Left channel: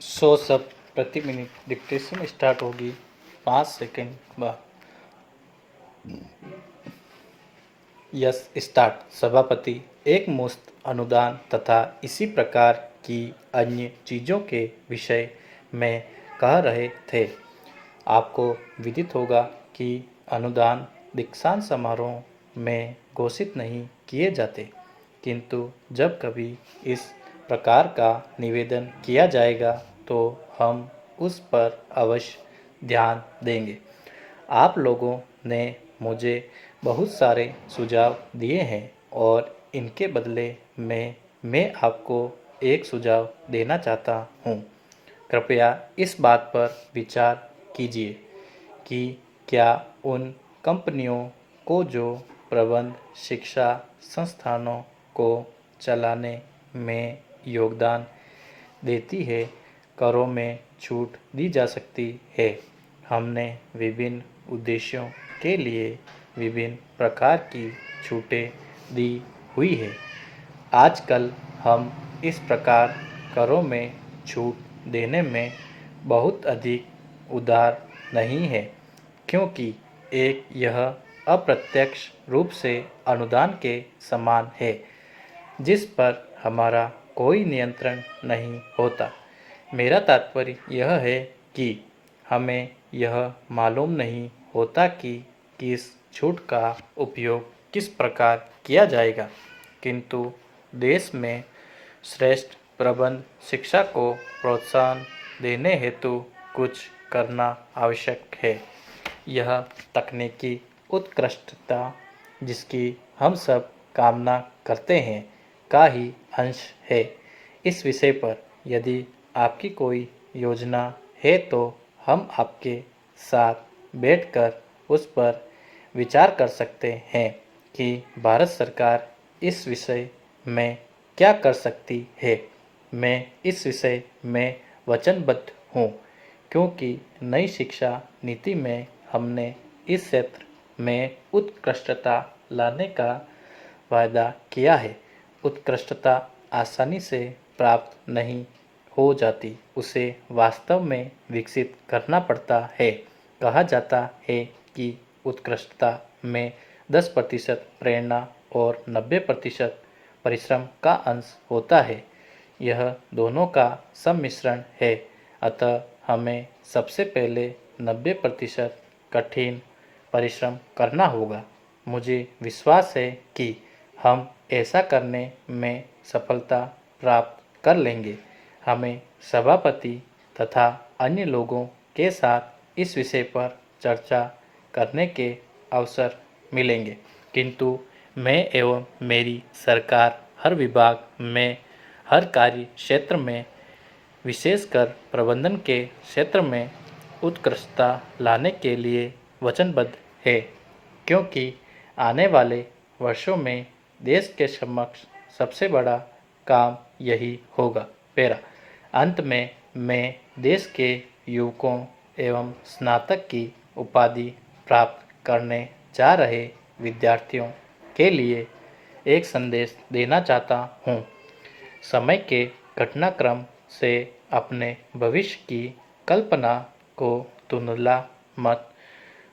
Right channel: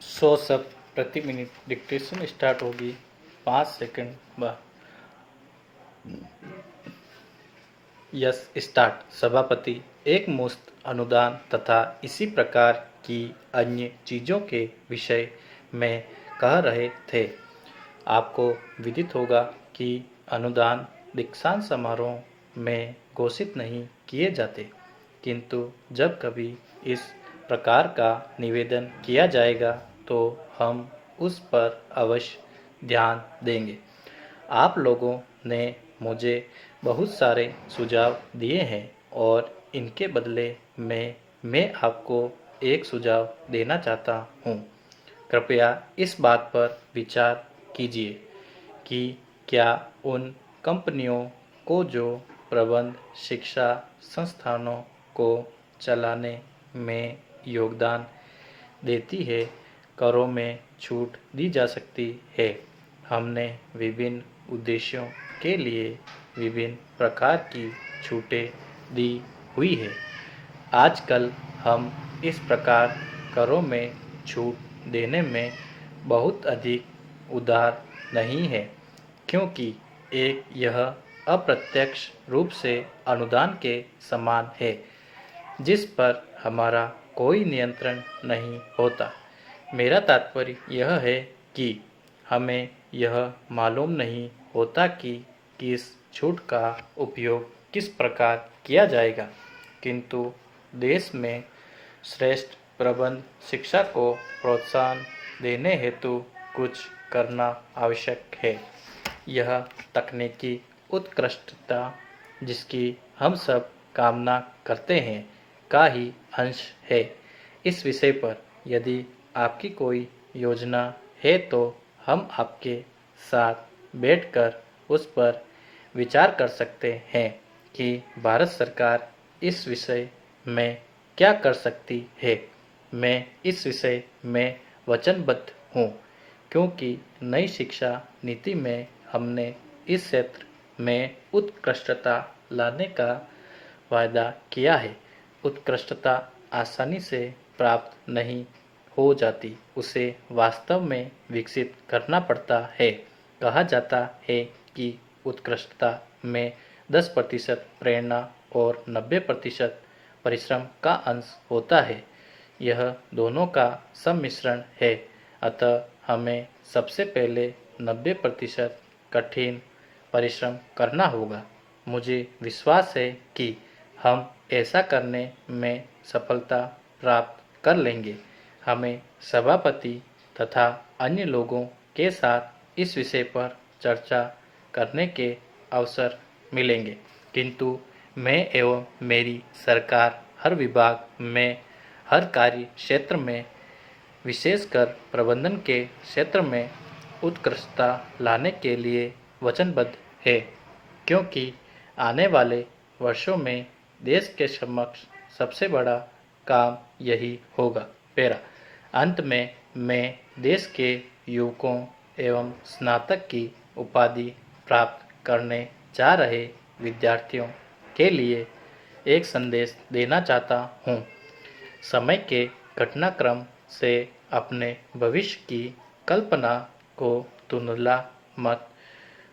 100 शब्द प्रति minute dictation start होगी 5 सेकंड बाद। Yes start. सभापति एक मुश्त अनुदान तथा इसी प्रकार की अन्य चीज़ों के विषय में कह रहे थे। आपको विदित होगा कि अनुदान दीक्षांत समारोह में घोषित नहीं किए जाते, किंतु जब कभी इस प्रकार का निवेदन किया जाएगा तो हम उस पर अवश्य ध्यान देंगे। आप लोगों ने मुझे बहुत सारे सुझाव दिए हैं और इनके बदले में मैं आपको एक सुझाव देना चाहता हूँ। कृपया इस बात पर विचार कीजिए कि क्या उन कंपनियों को जो प्रबंध शिक्षा संस्थानों को चलाने में योगदान देती है, करों में छूट दी जा सकती है। हमने विभिन्न उद्देश्यों के लिए विभिन्न प्रकार की छूटें दी हुई है। आजकल हम इस प्रकार करों में छूट देने में बहुत अधिक उदार नहीं है, क्योंकि एक यह अप्रत्यक्ष रूप से अनुदान के समान है जिस पर हमारा कोई नियंत्रण नहीं होता। मेरा तात्पर्य यह है कि हमें यह मालूम नहीं होता कि किस छूट का उपयोग किस प्रकार किया जाएगा, किंतु देश में श्रेष्ठ प्रबंध शिक्षा को प्रोत्साहन देने हेतु कुछ करना आवश्यक है। यह तकनीकी उत्कृष्टता जिसकी हम सब कामना करते हैं का ही अंश है। इस विषय पर यदि आपकी कोई योजना है तो हम आपके साथ बैठकर उस पर विचार कर सकते हैं कि भारत सरकार इस विषय में क्या कर सकती है। मैं इस विषय में वचनबद्ध हूँ, क्योंकि नई शिक्षा नीति में हमने इस क्षेत्र में उत्कृष्टता लाने का वायदा किया है। उत्कृष्टता आसानी से प्राप्त नहीं हो जाती, उसे वास्तव में विकसित करना पड़ता है। कहा जाता है कि उत्कृष्टता में 10% प्रेरणा और 90% परिश्रम का अंश होता है। यह दोनों का सम्मिश्रण है। अतः हमें सबसे पहले 90% कठिन परिश्रम करना होगा। मुझे विश्वास है कि हम ऐसा करने में सफलता प्राप्त कर लेंगे। हमें सभापति तथा अन्य लोगों के साथ इस विषय पर चर्चा करने के अवसर मिलेंगे, किंतु मैं एवं मेरी सरकार हर विभाग में, हर कार्य क्षेत्र में, विशेषकर प्रबंधन के क्षेत्र में उत्कृष्टता लाने के लिए वचनबद्ध है, क्योंकि आने वाले वर्षों में देश के समक्ष सबसे बड़ा काम यही होगा। पैरा अंत में मैं देश के युवकों एवं स्नातक की उपाधि प्राप्त करने जा रहे विद्यार्थियों के लिए एक संदेश देना चाहता हूँ। समय के घटनाक्रम से अपने भविष्य की कल्पना को धुंधला मत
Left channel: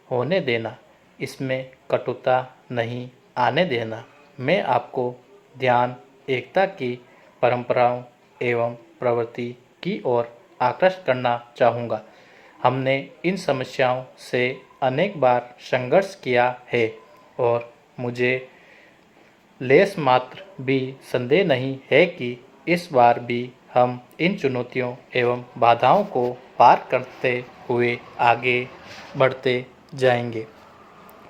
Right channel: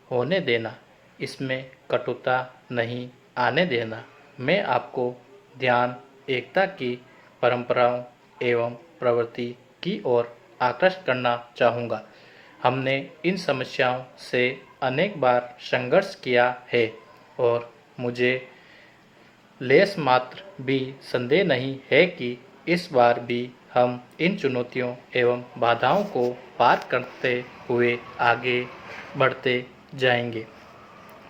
होने देना, इसमें कटुता नहीं आने देना। मैं आपको ध्यान एकता की परंपराओं एवं प्रवृत्ति की ओर आकृष्ट करना चाहूँगा। हमने इन समस्याओं से अनेक बार संघर्ष किया है और मुझे लेश मात्र भी संदेह नहीं है कि इस बार भी हम इन चुनौतियों एवं बाधाओं को पार करते हुए आगे बढ़ते जाएंगे।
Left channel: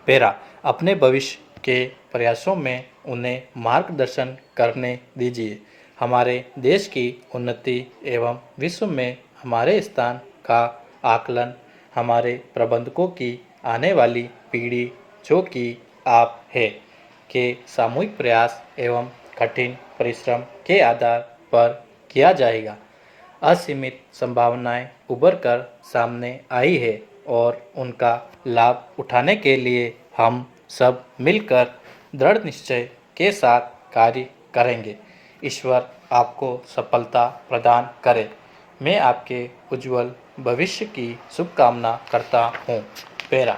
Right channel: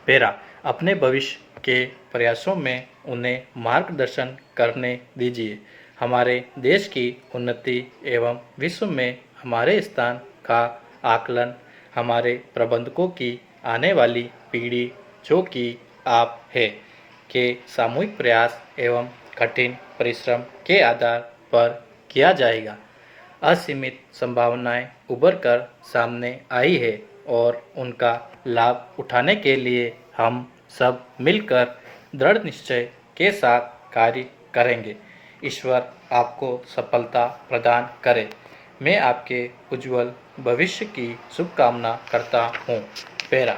पैरा अपने भविष्य के प्रयासों में उन्हें मार्गदर्शन करने दीजिए। हमारे देश की उन्नति एवं विश्व में हमारे स्थान का आकलन हमारे प्रबंधकों की आने वाली पीढ़ी, जो कि आप है, के सामूहिक प्रयास एवं कठिन परिश्रम के आधार पर किया जाएगा। असीमित संभावनाएं उभर कर सामने आई है और उनका लाभ उठाने के लिए हम सब मिलकर दृढ़ निश्चय के साथ कार्य करेंगे। ईश्वर आपको सफलता प्रदान करे। मैं आपके उज्जवल भविष्य की शुभकामना करता हूँ। पैरा।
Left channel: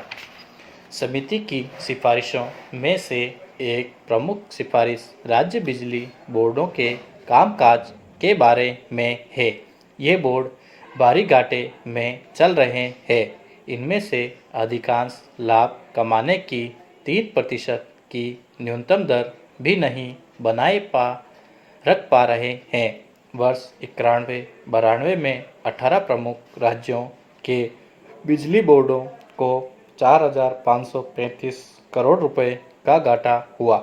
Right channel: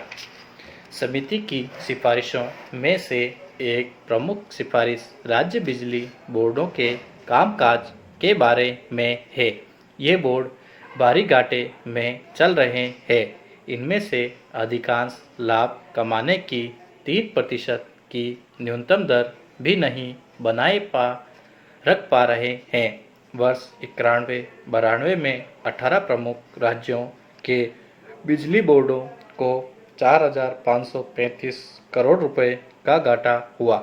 समिति की सिफारिशों में से एक प्रमुख सिफारिश राज्य बिजली बोर्डों के कामकाज के बारे में है। ये बोर्ड बारी घाटे में चल रहे हैं। इनमें से अधिकांश लाभ कमाने की 3% की न्यूनतम दर भी नहीं रख पा रहे हैं। वर्ष 91-92 में 18 प्रमुख राज्यों के बिजली बोर्डों को 4,535 करोड़ रुपए का घाटा हुआ।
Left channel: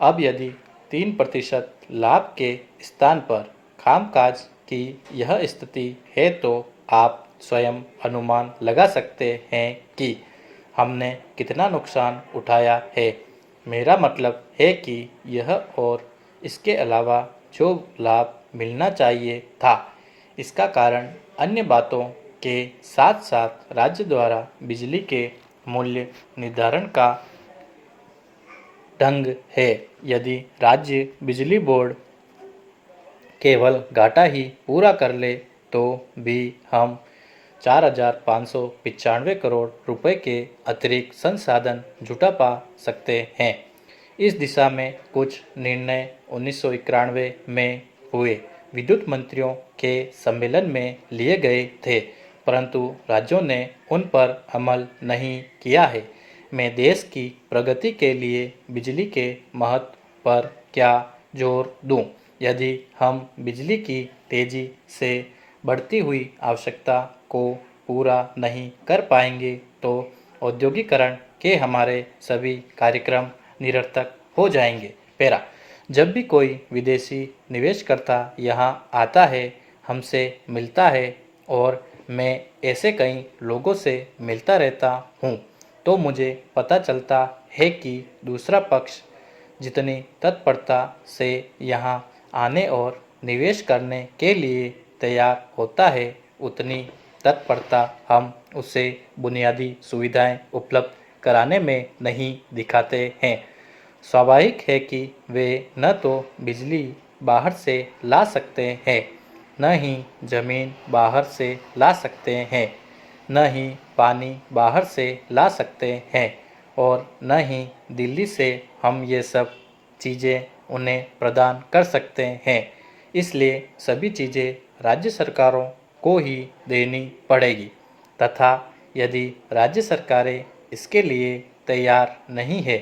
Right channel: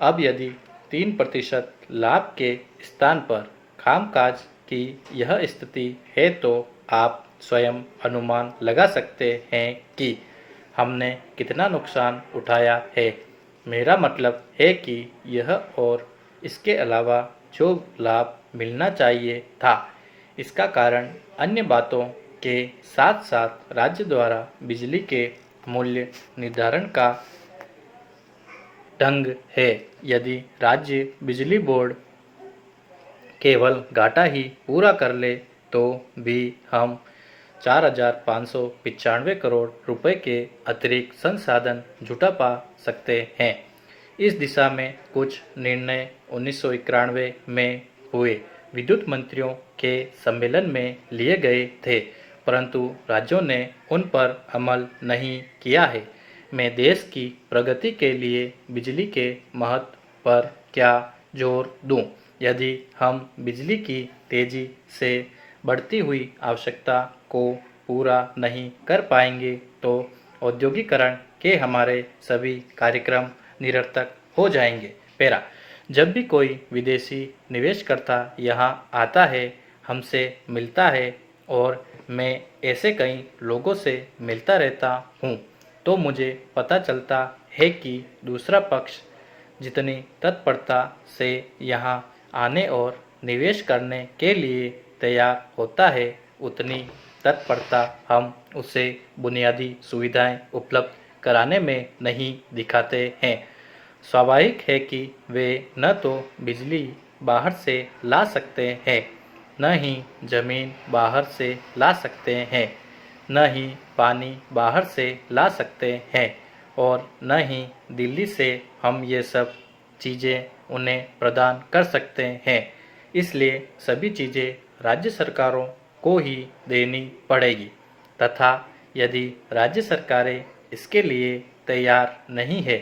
अब यदि 3% लाभ के स्थान पर कामकाज की यह स्थिति है तो आप स्वयं अनुमान लगा सकते हैं कि हमने कितना नुकसान उठाया है। मेरा मतलब है कि यह और इसके अलावा जो लाभ मिलना चाहिए था, इसका कारण अन्य बातों के साथ साथ राज्य द्वारा बिजली के मूल्य निर्धारण का ढंग है। यदि राज्य बिजली बोर्ड केवल घाटा ही पूरा कर ले तो भी हम 4,595 करोड़ रुपए के अतिरिक्त संसाधन जुटा पा सकते हैं। इस दिशा में कुछ निर्णय 1991 में हुए विद्युत मंत्रियों के सम्मेलन में लिए गए थे, परंतु राज्यों ने उन पर अमल नहीं किया है। मैं देश की प्रगति के लिए बिजली के महत्व पर क्या जोर दूं? यदि हम बिजली की तेजी से बढ़ती हुई आवश्यकता को पूरा नहीं कर पाएंगे तो औद्योगिकरण के हमारे सभी कार्यक्रम निरर्थक हो जाएंगे। पैरा। जब भी कोई विदेशी निवेशकर्ता यहाँ आता है, हमसे मिलता है और मैं ऐसे कई लोगों से मिलता रहता हूँ, तो मुझे पता चलता है कि दूसरा पक्ष जितनी तत्परता से यहाँ आने और निवेश करने के लिए तैयार होता है, उतनी तत्परता हम उसे बुनियादी सुविधाएं उपलब्ध कराने में नहीं दिखाते हैं। स्वाभाविक है कि वे न तो बिजली बाहर से ला सकते हैं, न ही जमीन बाहर से ला सकते हैं, न ही पानी बाहर से ला सकते हैं और न ही दिल्ली से हम ये सब चीज़ें उन्हें प्रदान कर सकते हैं। इसलिए सभी चीज़ें राज्य सरकारों को ही देनी पड़ेगी तथा यदि राज्य सरकारें इसके लिए तैयार नहीं है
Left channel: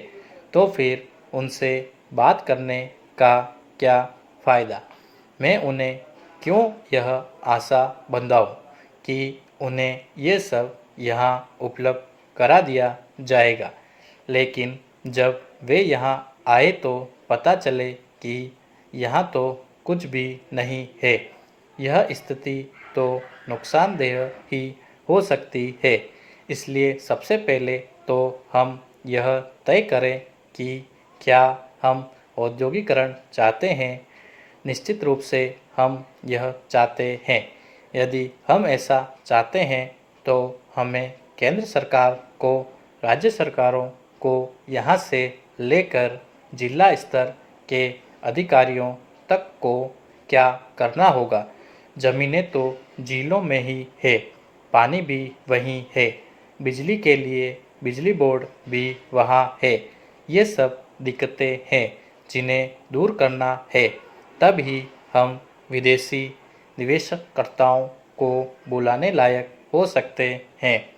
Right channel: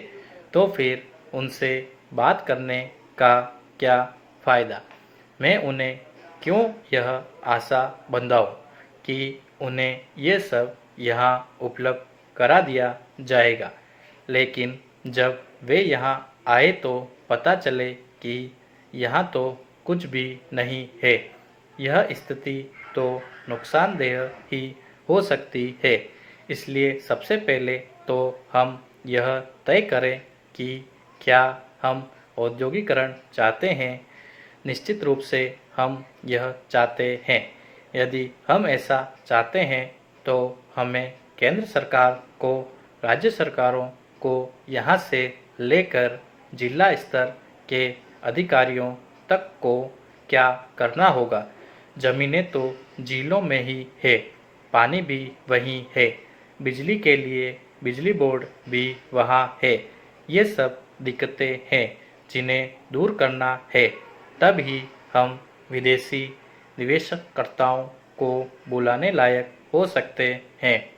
तो फिर उनसे बात करने का क्या फ़ायदा। मैं उन्हें क्यों यह आशा बंधाऊँ कि उन्हें ये सब यहाँ उपलब्ध करा दिया जाएगा, लेकिन जब वे यहाँ आए तो पता चले कि यहाँ तो कुछ भी नहीं है। यह स्थिति तो नुकसानदेह ही हो सकती है। इसलिए सबसे पहले तो हम यह तय करें कि क्या हम औद्योगिकरण चाहते हैं। निश्चित रूप से हम यह चाहते हैं। यदि हम ऐसा चाहते हैं तो हमें केंद्र सरकार को, राज्य सरकारों को यहाँ से लेकर जिला स्तर के अधिकारियों तक को क्या करना होगा। ज़मीनें तो जिलों में ही है, पानी भी वहीं है, बिजली के लिए बिजली बोर्ड भी वहाँ है। ये सब दिक्कतें हैं जिन्हें दूर करना है, तब ही हम विदेशी निवेशकर्ताओं को बुलाने लायक हो सकते हैं।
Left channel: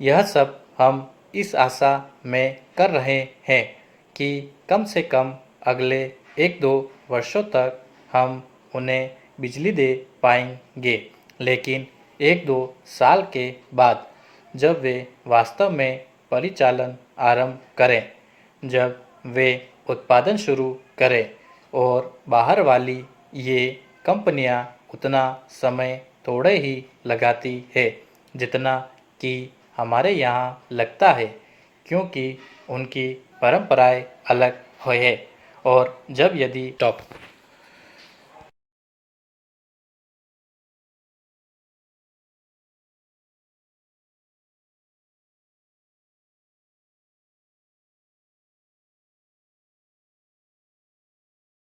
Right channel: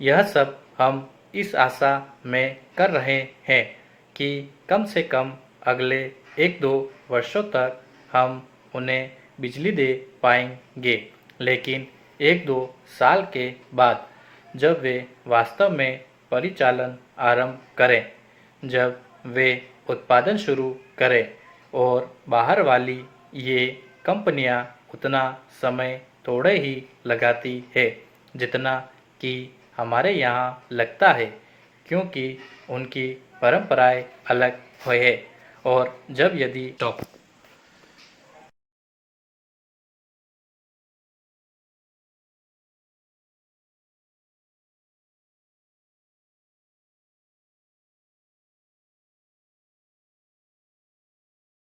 यह सब हम इस आशा में कर रहे हैं कि कम से कम अगले 1-2 वर्षों तक हम उन्हें बिजली दे पाएंगे, लेकिन 1-2 साल के बाद जब वे वास्तव में परिचालन आरंभ करें, जब वे उत्पादन शुरू करें और बाहर वाली ये कंपनियां उतना समय थोड़े ही लगाती है जितना कि हमारे यहाँ लगता है, क्योंकि उनकी परंपराएं अलग है। और जब यदि टॉप